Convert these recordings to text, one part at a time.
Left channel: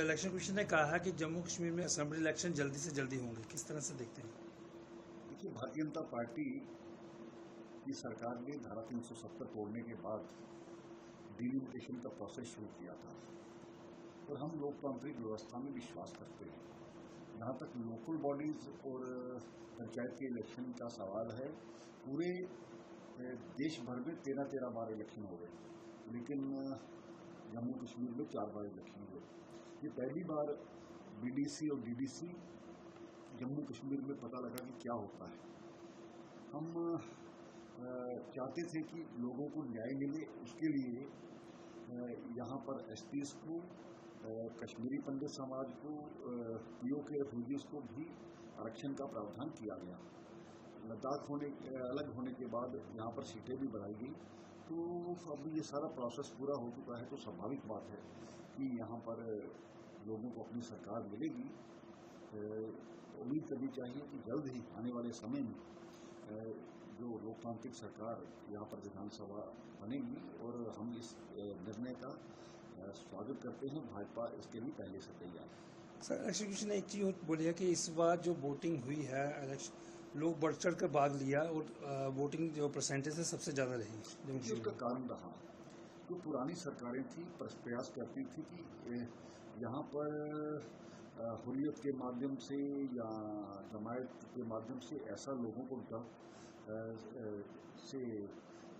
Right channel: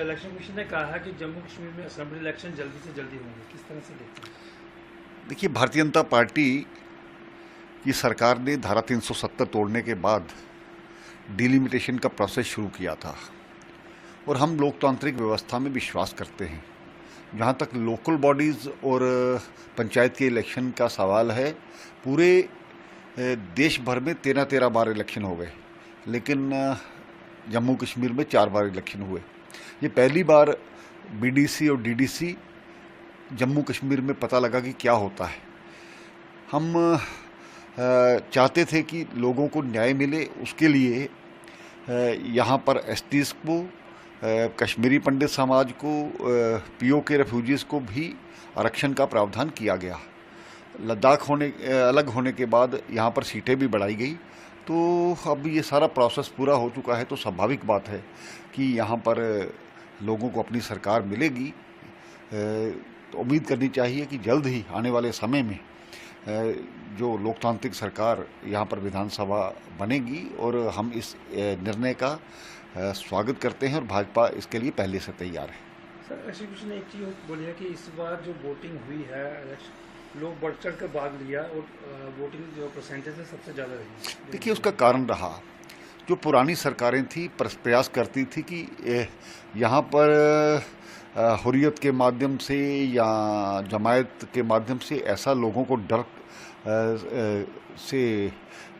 Election commission ने कहा है कि जम्मू कश्मीर में असेंबली इलेक्शन जल्दी से जल्दी होंगे, किस तरह से देखते हैं? देखिए, भारतीय जनता पार्टी की सरकार ने धारा 370 तोड़ने के बाद डिलिमिटेशन का प्रोसेस शुरू किया था और हम लोकतांत्रिक व्यवस्था में विश्वास करते हैं। जहाँ तक लोकल बॉडीज़ और पंचायत के इलेक्शन का सवाल है, पूरे देश भर में 13 बार इलेक्शन हो गए, लेकिन जम्मू कश्मीर में 4 बार इलेक्शन हुए। ये पहली बार बीडीसी और डीडीसी जम्मू कश्मीर में पता लगा कि क्या होता है। हम चाहते थे कि लोगों को न्याय मिले, उसके लिए यहाँ पर एसटीज़ को, कश्मीरी पंडित समाज को, पीओ के रेफ्यूजीज़ को भी आरक्षण का प्रावधान किया गया। लद्दाख अलग होने के बाद यहाँ पर सीटें भी बढ़ाई गई, तो अब ये सारा प्रोसेस पूरा हो चुका है, तो स्वाभाविक बात है कि यहाँ पर लोगों को अपनी सरकार मिलेगी। तो उम्मीद करनी चाहिए कि जल्द ही आने वाले समय में जो लोकतांत्रिक सरकार यहाँ पर विधानसभा बनेगी, और हम इस निर्णय का स्वागत करते हैं और भाजपा इसके लिए पहले से तैयार है। सर, इलेक्शन कमीशन ने एक चीज़ बोली है कि इस बार जो वोटिंग हुई है, लोग बढ़ चढ़ कर भाग लिया और वोटिंग जो परसेंटेज है सबसे ज़्यादा रही। देखिए, उसका कारण रहा, जो पुरानी सरकारें थी प्रयास करती थी कि यहाँ पर हुर्रियत के माध्यम से या जमायत के माध्यम से ऐसा लोगों को डर से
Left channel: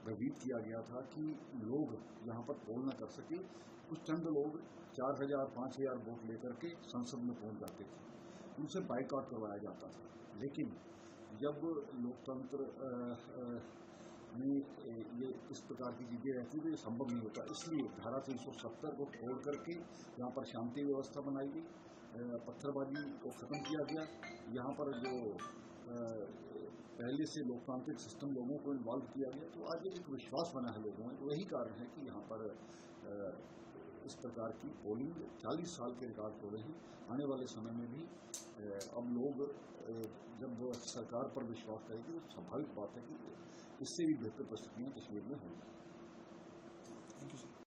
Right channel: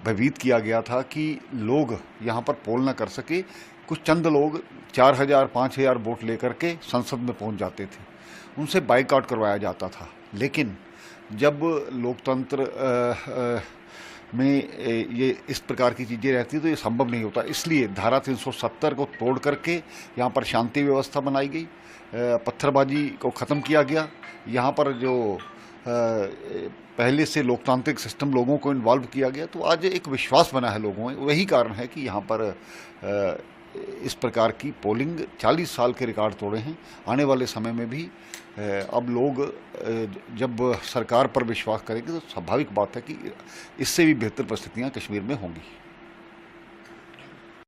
भयभीत किया गया था कि लोग यहाँ पर पोल ना कर सके। कुछ चंद लोग 4000 5000 वोट लेकर के संसद में पहुँच जाते थे, उनसे बाइकआउट करवाया जाता था। लेकिन जब लोकतंत्र में ये इस प्रकार की चीज़ें रहती तो ये संभव नहीं होता। इसलिए धारा 370 को तोड़ करके यहाँ पर शांति व्यवस्था बनाई गई, पत्थरबाजी को ख़त्म किया गया। यहाँ पर जो पहले से लोकतांत्रिक सिस्टम लोगों को इन्वॉल्व किया गया, तो आज एक विश्वास बना है लोगों में। वही कारण है कि यहाँ पर इस प्रकार की पोलिंग 40 साल के रिकॉर्ड तोड़े हैं। आने वाले समय में भी अब लोग जब सरकार पर विश्वास करेंगे तो स्वाभाविक बात है कि इससे भी बेहतर परिस्थितियाँ कश्मीर में होंगी।